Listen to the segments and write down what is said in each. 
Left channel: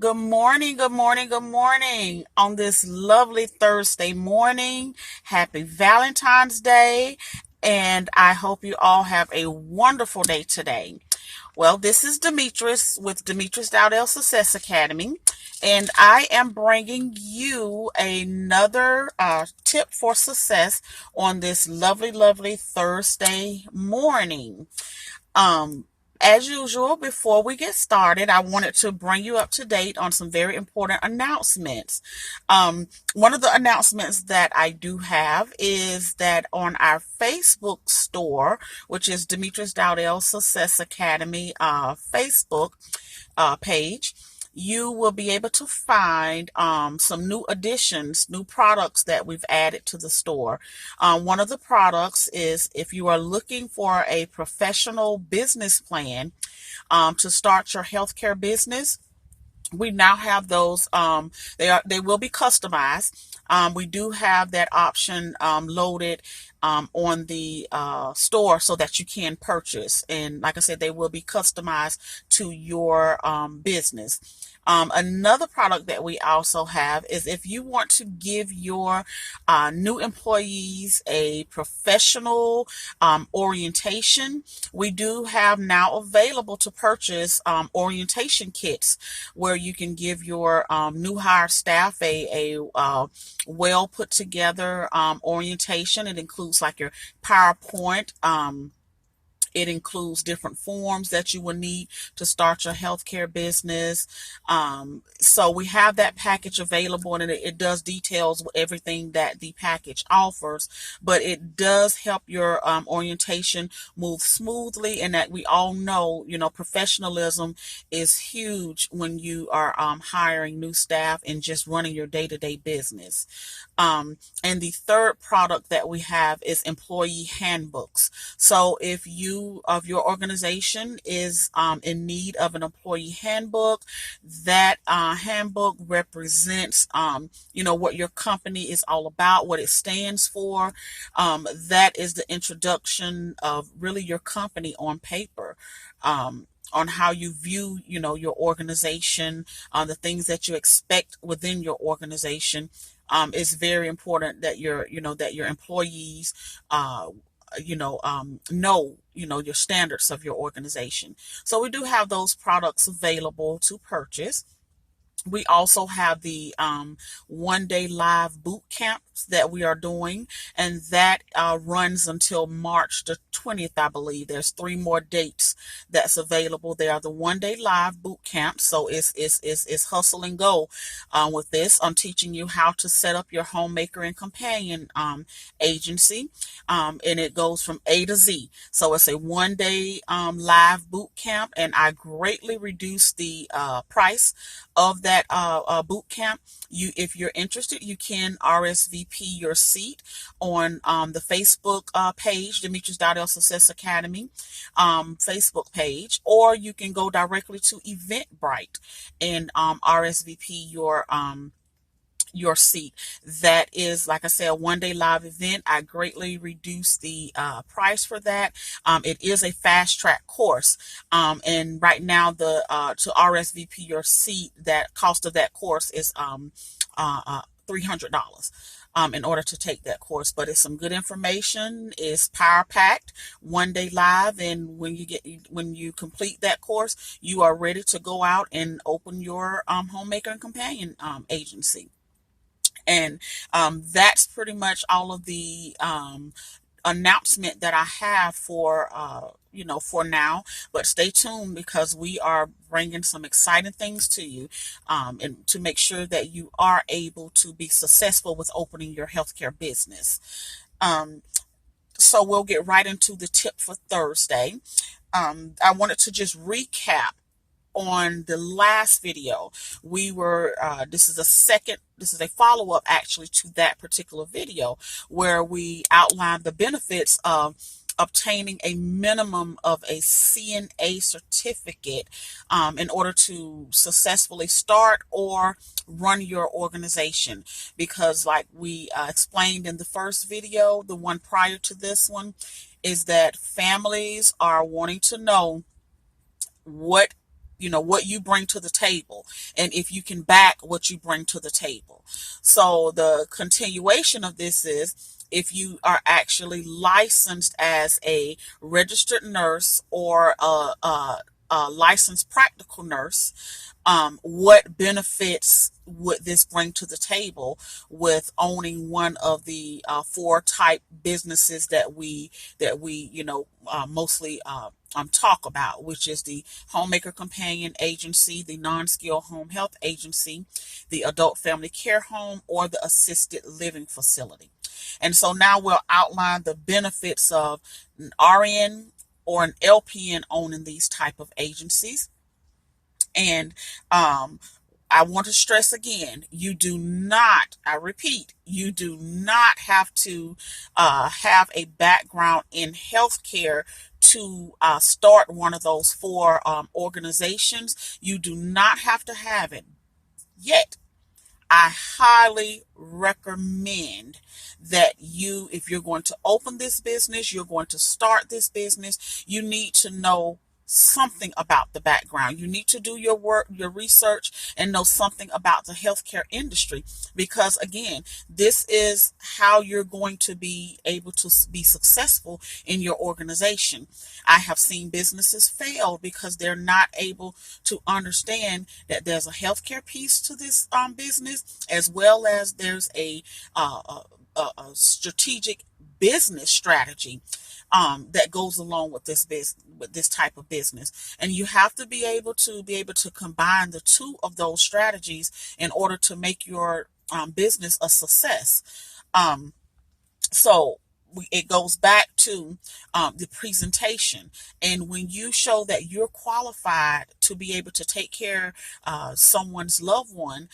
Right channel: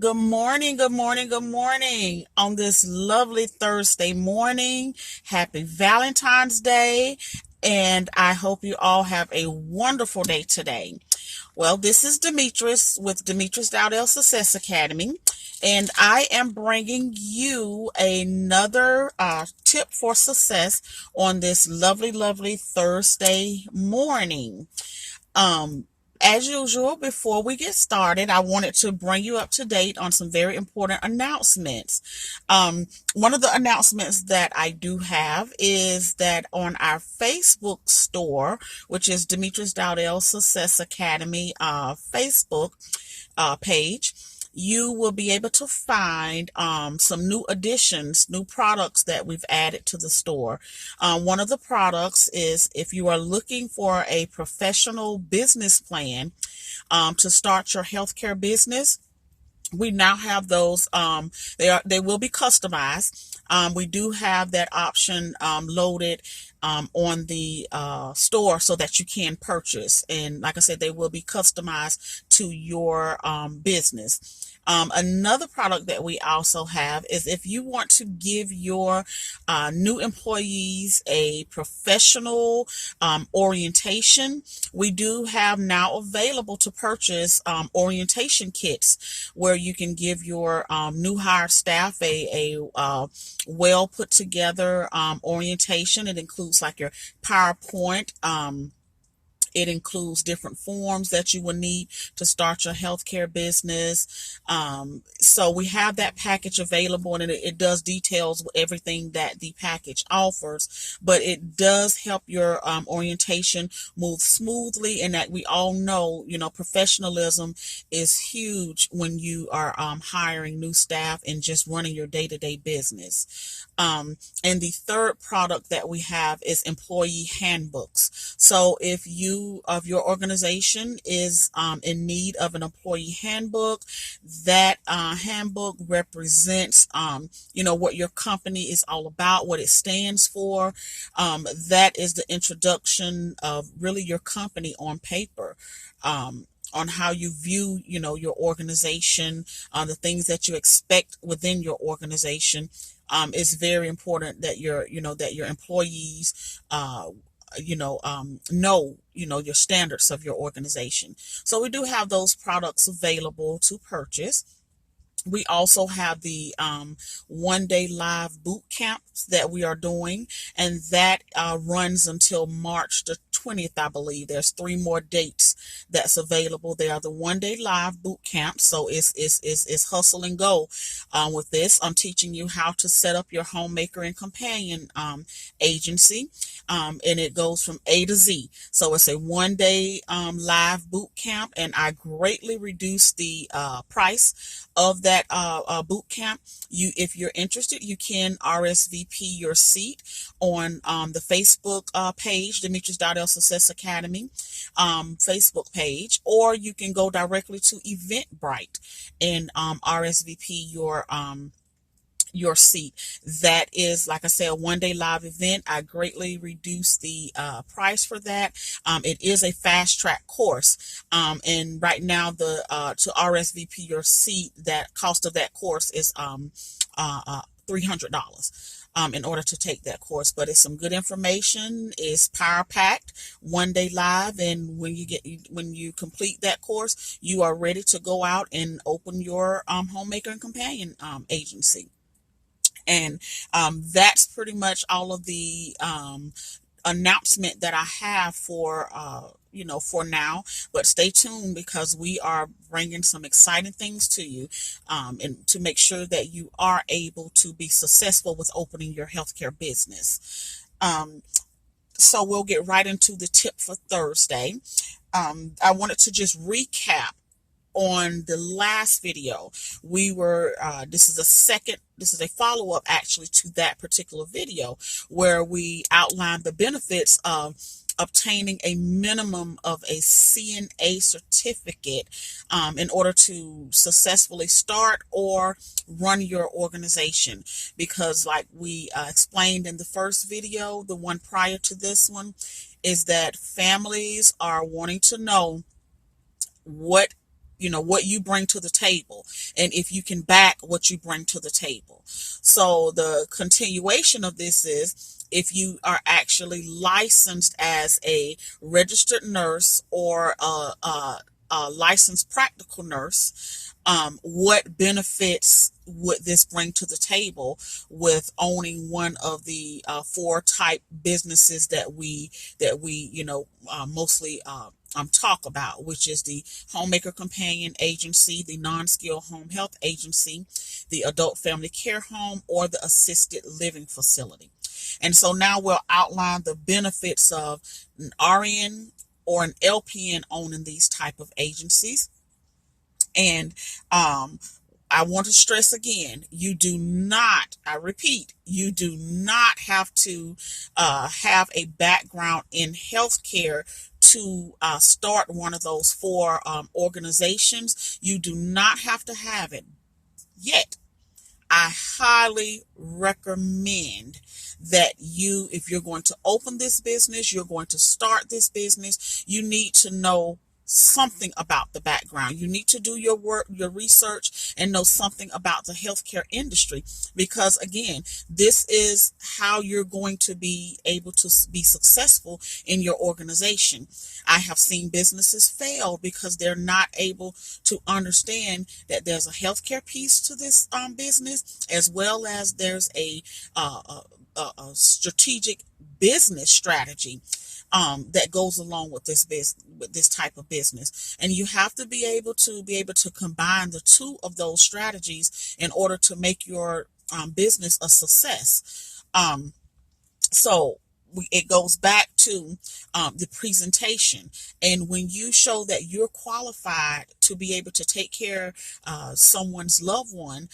Good morning, good morning, good morning on this lovely Thursday morning. Happy Valentine's Day, and I hope you all have a wonderful day today. Well, this is Demetrice with Demetrice Dowdell Success Academy, and I am bringing you another tip for success on this lovely Thursday morning. Um, as usual, before we get started, I wanted to bring you up to date on some very important announcements. One of the announcements that I do have is that on our Facebook store, which is Demetrice Dowdell Success Academy Facebook page, you will be able to find some new additions, new products that we've added to the store. One of the products is if you are looking for a professional business plan to start your healthcare business. We now have those. They will be customized. We do have that option loaded on the store so that you can purchase. And like I said, they will be customized to your business. Another product that we also have is if you want to give your new employees a professional orientation, we do have now available to purchase orientation kits where you can give your new hire staff a well put together orientation. It includes like your PowerPoint. It includes different forms that you will need to start your healthcare business. So we have that package available, and it does details everything that the package offers, but it does help your orientation move smoothly. And that we all know, professionalism is huge when you are hiring new staff and just running your day-to-day business. And the third product that we have is employee handbooks. So if your organization is in need of an employee handbook, that handbook represents what your company is all about, what it stands for. That is the introduction of really your company on paper. On how you view, your organization, the things that you expect within your organization. It's very important that your employees, your standards of your organization. So we do have those products available to purchase. We also have the 1 day live boot camps that we are doing, and that runs until March the 20th, I believe. There's 3 more dates that's available. They are the 1 day live boot camp, so it's hustle and go with this. I'm teaching you how to set up your homemaker and companion agency, and it goes from A to Z. So it's a 1 day live boot camp, and I greatly reduced the price of that boot camp. If you're interested, you can RSVP your seat on the Facebook page, Demetrice Dowdell Success Academy Facebook page, or you can go directly to Eventbrite and RSVP your seat. That is, like I said, a 1 day live event. I greatly reduced the price for that. It is a fast track course. And right now the to RSVP your seat, that cost of that course is $300. In order to take that course, but it's some good information. It's power packed, 1 day live, and when you complete that course, you are ready to go out and open your homemaker and companion agency. And that's pretty much all of the announcement that I have for for now. But stay tuned, because we are bringing some exciting things to you, and to make sure that you are able to be successful with opening your healthcare business. Um, so we'll get right into the tip for Thursday. I wanted to just recap on the last video. We were this is a follow-up actually to that particular video, where we outlined the benefits of obtaining a minimum of a CNA certificate in order to successfully start or run your organization. Because like we explained in the first video, the one prior to this one, is that families are wanting to know what what you bring to the table, and if you can back what you bring to the table. So the continuation of this is, if you are actually licensed as a registered nurse or a licensed practical nurse, what benefits would this bring to the table with owning one of the four type businesses that we mostly talk about, which is the Homemaker Companion Agency, the Non-Skilled Home Health Agency, the Adult Family Care Home, or the Assisted Living Facility. And so now we'll outline the benefits of an RN or an LPN owning these type of agencies. And I want to stress again, you do not, I repeat, you do not have to have a background in healthcare to start one of those four organizations. You do not have to have it yet. I highly recommend that if you're going to open this business, you're going to start this business, you need to know something about the background. You need to do your work, your research, and know something about the healthcare industry, because again, this is how you're going to be able to be successful in your organization. I have seen businesses fail because they're not able to understand that there's a healthcare piece to this business, as well as there's a strategic business strategy that goes along with this type of business. And you have to be able to combine the two of those strategies in order to make your business a success. So it goes back to the presentation. And when you show that you're qualified to be able to take care of someone's loved one,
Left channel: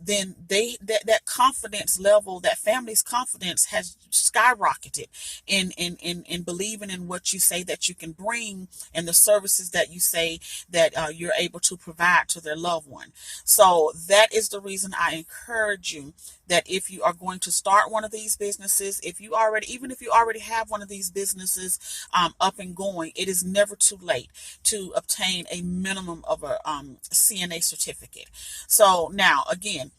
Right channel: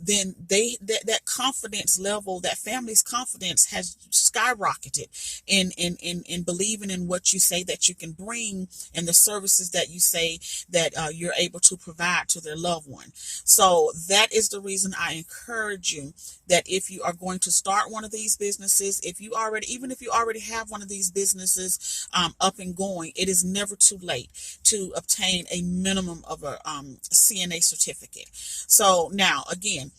then that confidence level, that family's confidence has skyrocketed in believing in what you say that you can bring, and the services that you say that you're able to provide to their loved one. So that is the reason I encourage you that if you are going to start one of these businesses, even if you already have one of these businesses up and going, it is never too late to obtain a minimum of a CNA certificate. So now, again,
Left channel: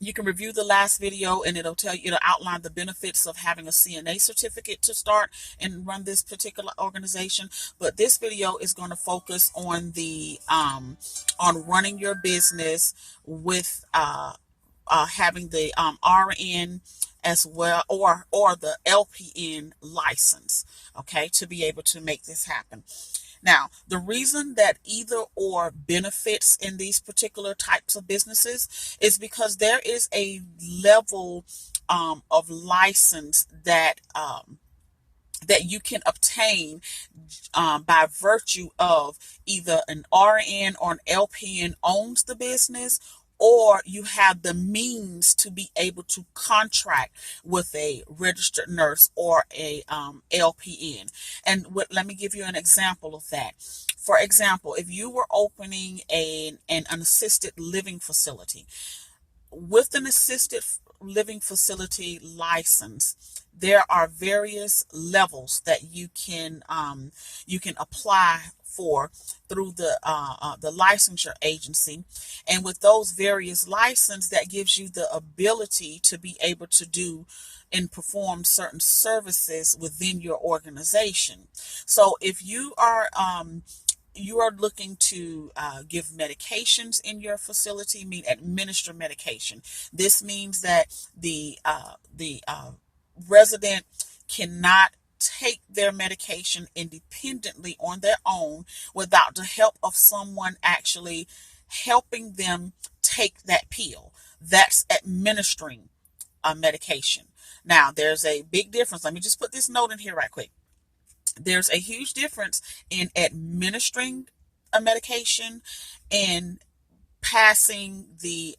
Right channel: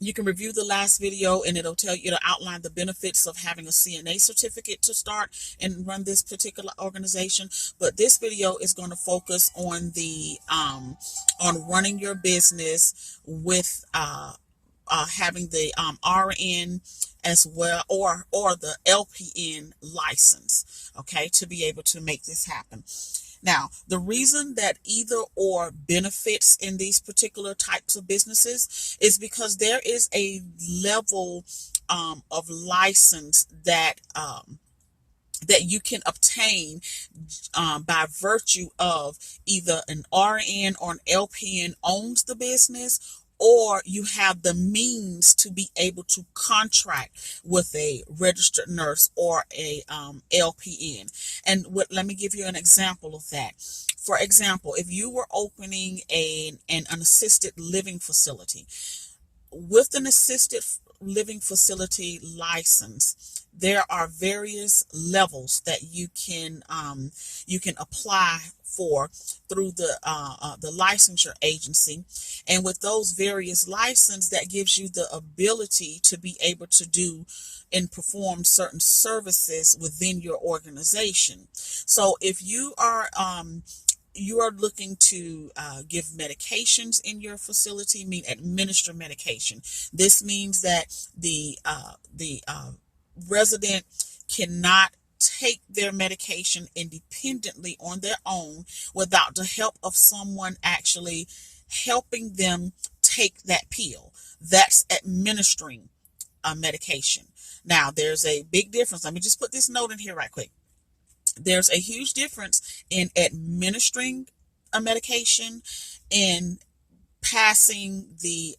you can review the last video and it'll outline the benefits of having a CNA certificate to start and run this particular organization. But this video is going to focus on on running your business with having the RN as well, or the LPN license, okay, to be able to make this happen. Now, the reason that either or benefits in these particular types of businesses is because there is a level of license that you can obtain by virtue of either an RN or an LPN owns the business, or you have the means to be able to contract with a registered nurse or a LPN. And let me give you an example of that. For example, if you were opening an assisted living facility, with an assisted living facility license, there are various levels that you can apply for through the licensure agency. And with those various licenses, that gives you the ability to be able to do and perform certain services within your organization. So if you are looking to give medications in your facility, administer medication. This means that the resident cannot take their medication independently on their own without the help of someone actually helping them take that pill. That's administering a medication. Now, there's a big difference. Let me just put this note in here right quick. There's a huge difference in administering a medication and passing the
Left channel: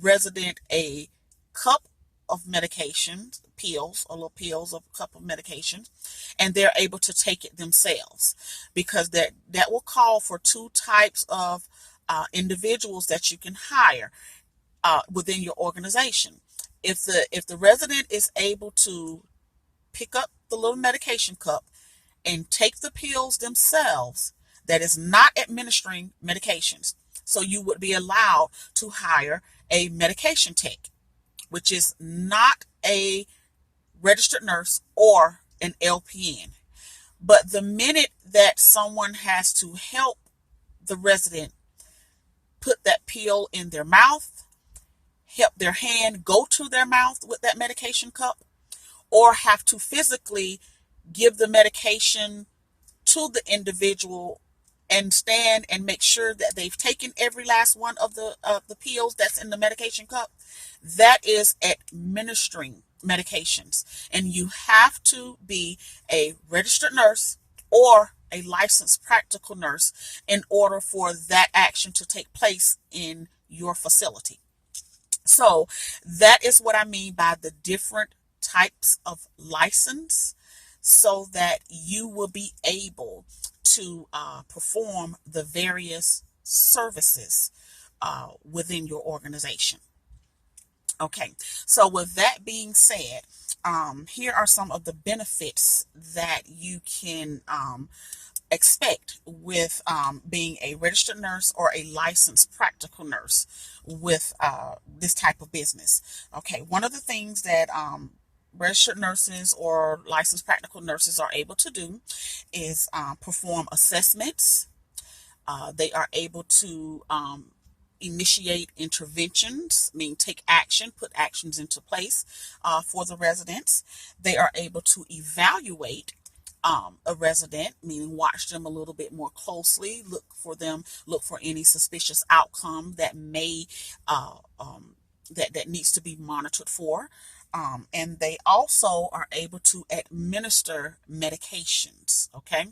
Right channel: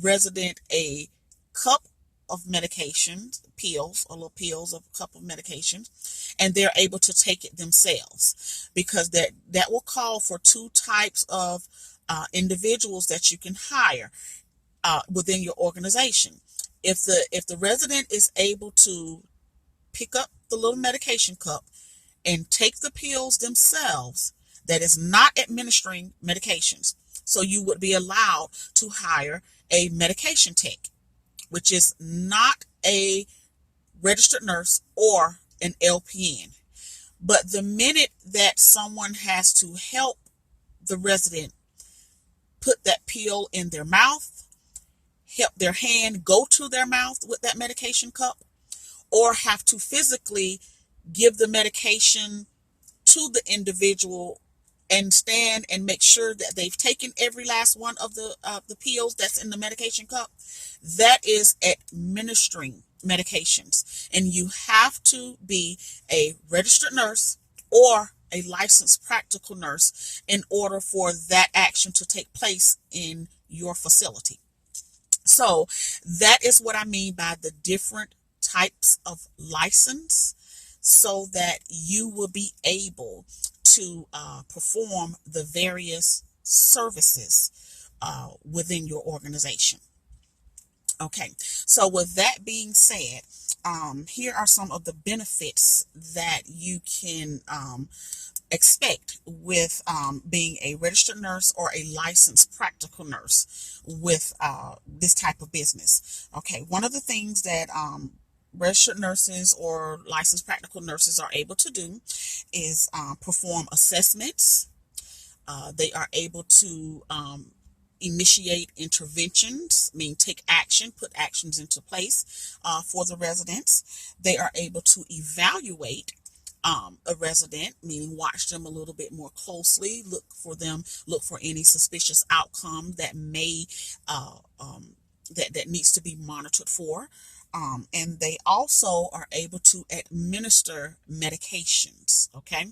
resident a cup of medications, little pills of a cup of medications, and they're able to take it themselves, because that will call for two types of individuals that you can hire within your organization. If the resident is able to pick up the little medication cup and take the pills themselves, that is not administering medications. So you would be allowed to hire a medication tech, which is not a registered nurse or an LPN. But the minute that someone has to help the resident put that pill in their mouth, help their hand go to their mouth with that medication cup, or have to physically give the medication to the individual and stand and make sure that they've taken every last one of the pills that's in the medication cup, that is administering medications. And you have to be a registered nurse or a licensed practical nurse in order for that action to take place in your facility. So that is what I mean by the different types of license, so that you will be able to perform the various services within your organization. Okay, so with that being said, here are some of the benefits that you can expect with being a registered nurse or a licensed practical nurse with this type of business. Okay, one of the things that registered nurses or licensed practical nurses are able to do is perform assessments. They are able to initiate interventions, mean take action, put actions into place for the residents. They are able to evaluate a resident, meaning watch them a little bit more closely, look for any suspicious outcome that may that needs to be monitored for. And they also are able to administer medications. Okay.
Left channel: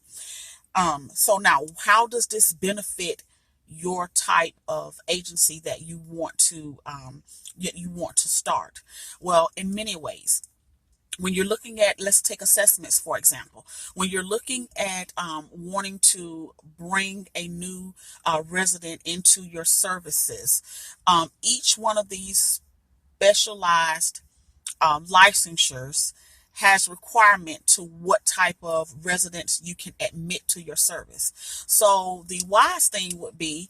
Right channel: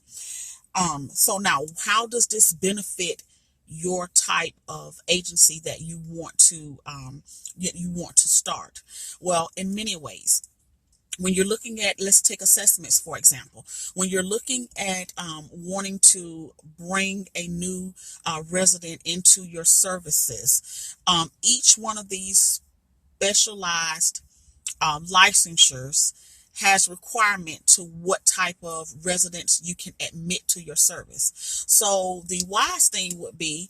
So now, how does this benefit your type of agency that you want to start? Well, in many ways. When you're looking at, let's take assessments, for example. When you're looking at wanting to bring a new resident into your services, each one of these specialized licensures has requirement to what type of residents you can admit to your service. So the wise thing would be,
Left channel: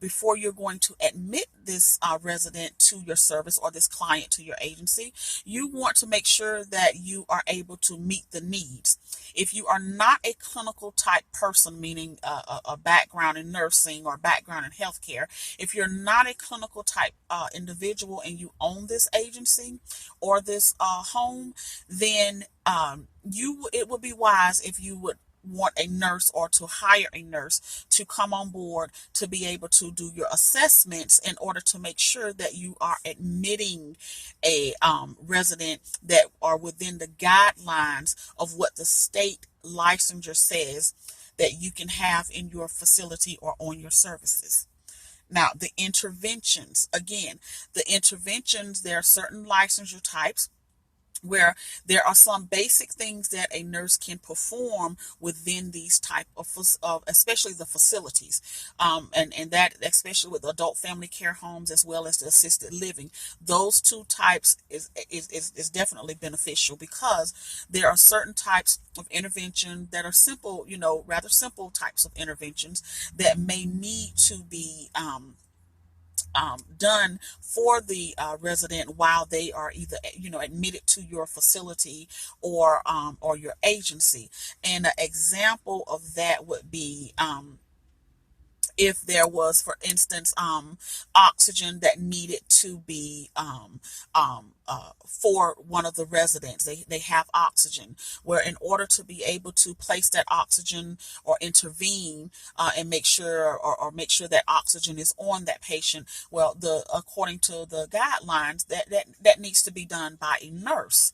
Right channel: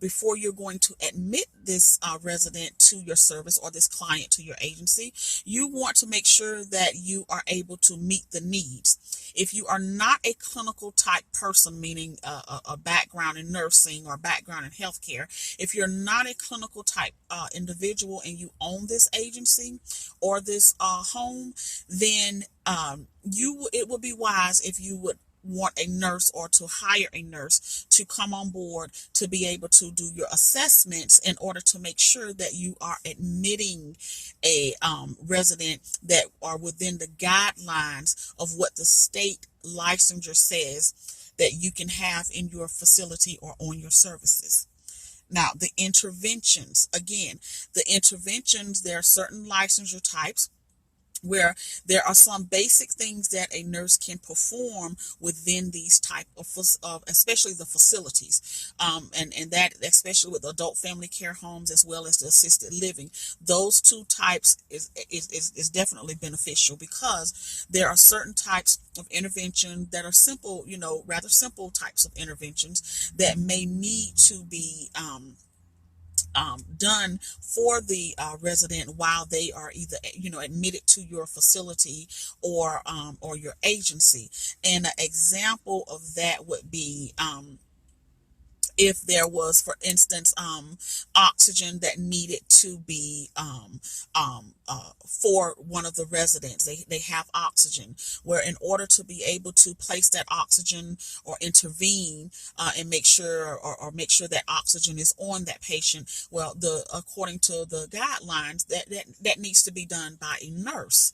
before you're going to admit this resident to your service or this client to your agency, you want to make sure that you are able to meet the needs. If you are not a clinical type person, meaning a background in nursing or background in healthcare, if you're not a clinical type individual and you own this agency or this home, then it would be wise if you would want a nurse or to hire a nurse to come on board to be able to do your assessments in order to make sure that you are admitting a resident that are within the guidelines of what the state licensure says that you can have in your facility or on your services. Now, the interventions, again, there are certain licensure types where there are some basic things that a nurse can perform within these type of especially the facilities, and that especially with adult family care homes as well as the assisted living. Those two types is definitely beneficial, because there are certain types of intervention that are simple, rather simple types of interventions that may need to be done for the resident while they are either admitted to your facility or your agency. And an example of that would be if there was, for instance, oxygen that needed to be for one of the residents. They have oxygen, where in order to be able to place that oxygen or intervene and make sure or make sure that oxygen is on that patient, well, according to the guidelines, that needs to be done by a nurse.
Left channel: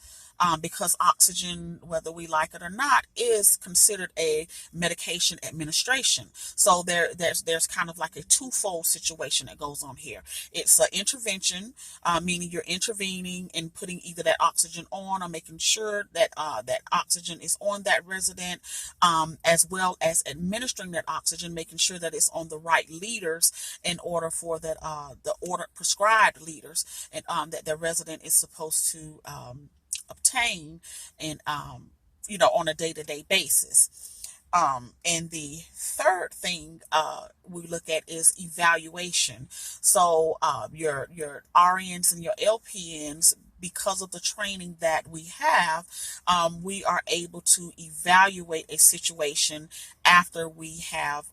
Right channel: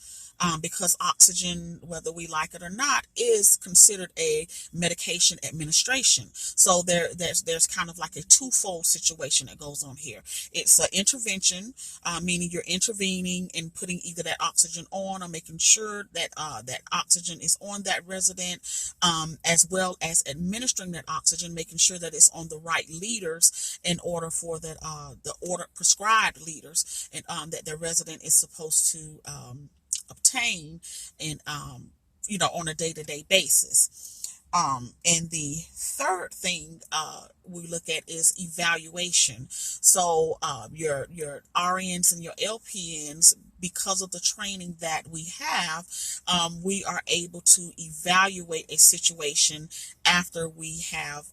Because oxygen, whether we like it or not, is considered a medication administration. So there's kind of like a twofold situation that goes on here. It's an intervention, meaning you're intervening and putting either that oxygen on or making sure that that oxygen is on that resident, as well as administering that oxygen, making sure that it's on the right liters in order for that the order prescribed liters, and that the resident is supposed to obtain and on a day-to-day basis. And the third thing we look at is evaluation. So your RNs and your LPNs, because of the training that we have, we are able to evaluate a situation after we have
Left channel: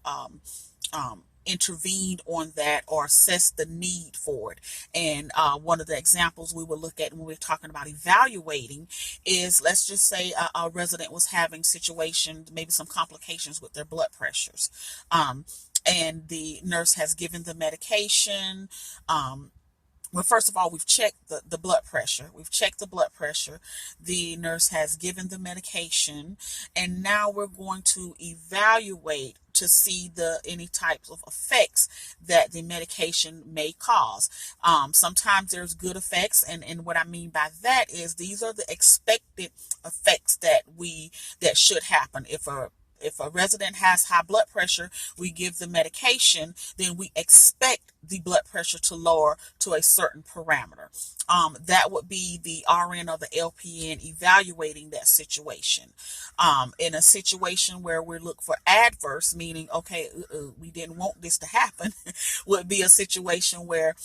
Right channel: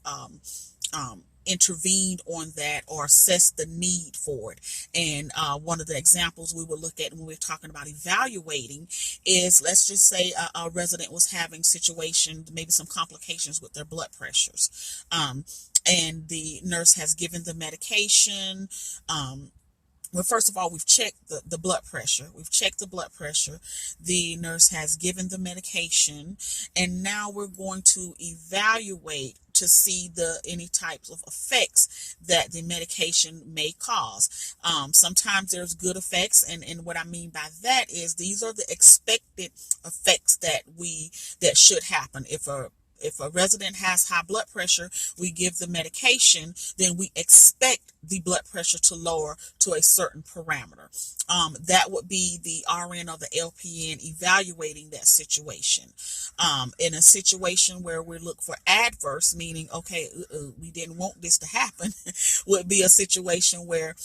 intervened on that or assess the need for it. And one of the examples we will look at when we're talking about evaluating is, let's just say a resident was having situations, maybe some complications with their blood pressures. And the nurse has given the medication. Well, first of all, we've checked the blood pressure. We've checked the blood pressure. The nurse has given the medication. And now we're going to evaluate to see any types of effects that the medication may cause. Sometimes there's good effects. And what I mean by that is these are the expected effects that should happen. If a resident has high blood pressure, we give the medication, then we expect the blood pressure to lower to a certain parameter. That would be the RN or the LPN evaluating that situation. In a situation where we look for adverse, meaning, okay, we didn't want this to happen, would be a situation where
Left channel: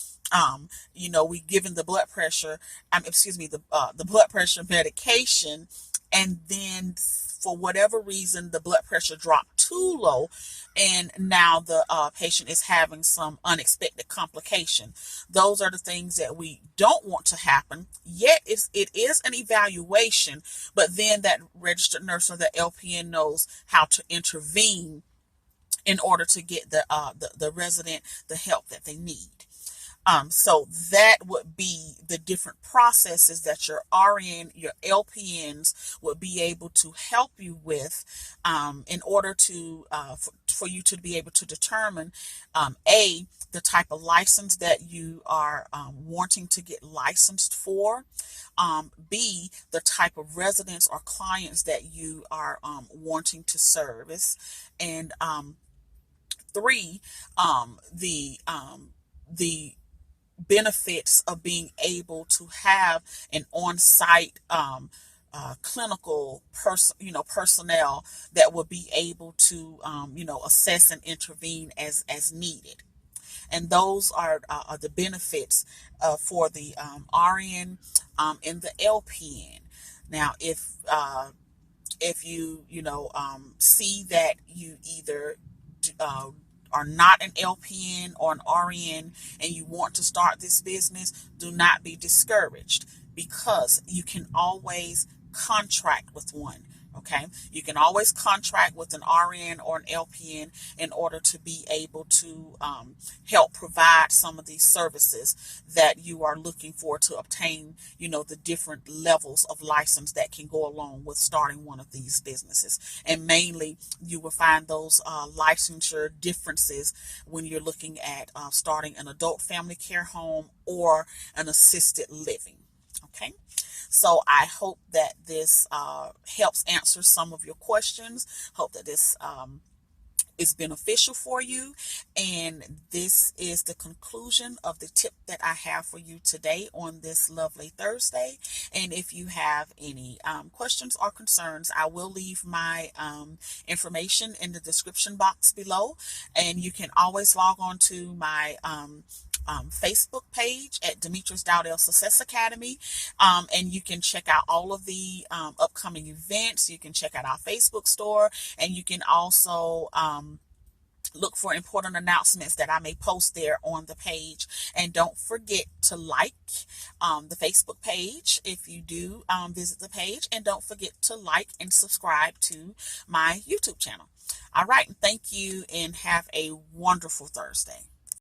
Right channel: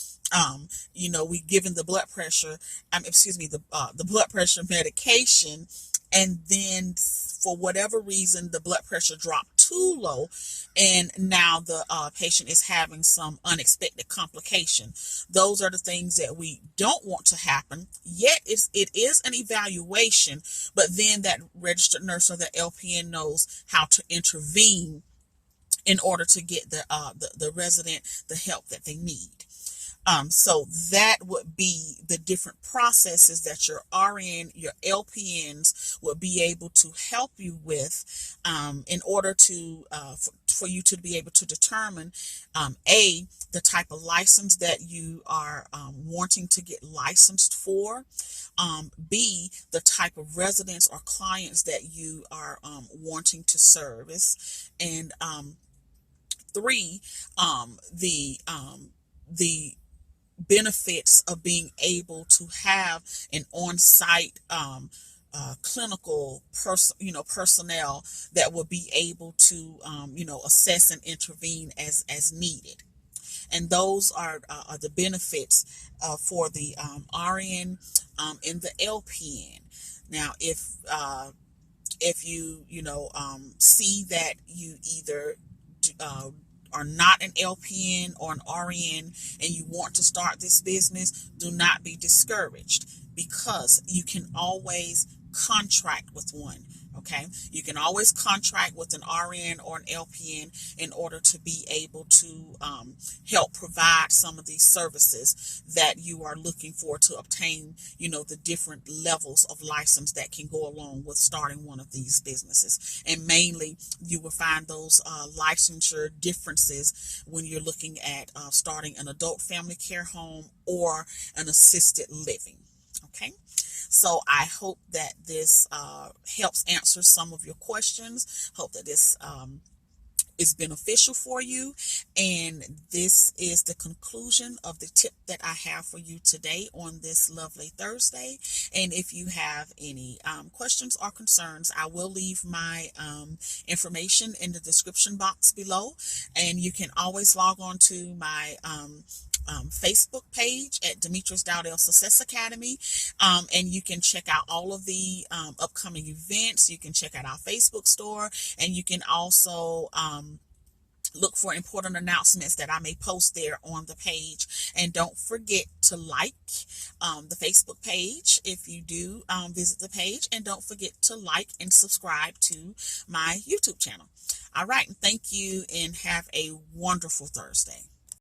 we given the blood pressure, the blood pressure medication, and then for whatever reason the blood pressure dropped too low, and now the patient is having some unexpected complication. Those are the things that we don't want to happen. Yet it is an evaluation, but then that registered nurse or the LPN knows how to intervene in order to get the resident the help that they need. So that would be the different processes that your RN, your LPNs would be able to help you with in order to for you to be able to determine the type of license that you are wanting to get licensed for, B, the type of residents or clients that you are wanting to service, and 3, the benefits of being able to have an on-site clinical personnel that will be able to assess and intervene as needed. And those are the benefits for the RN and the LPN. Now, if you see that you either are not an LPN or an RN and you want to start this business, do not be discouraged, because you can always contract with one. Okay, you can always contract with an RN or an LPN in order to be able to help provide some of these services that you are looking for to obtain, the different levels of license that can go along with starting one of these businesses. And mainly, you will find those licensure differences when you're looking at starting an adult family care home or an assisted living. Okay. So I hope that this helps answer some of your questions. Hope that this is beneficial for you. And this is the conclusion of the tip that I have for you today on this lovely Thursday. And if you have any questions or concerns, I will leave my information in the description box below. And you can always log on to my Facebook page at Demetrice Dowdell Success Academy, and you can check out all of the upcoming events. You can check out our Facebook store, and you can also look for important announcements that I may post there on the page. And don't forget to like the Facebook page if you do visit the page, and don't forget to like and subscribe to my YouTube channel. All right, thank you, and have a wonderful Thursday.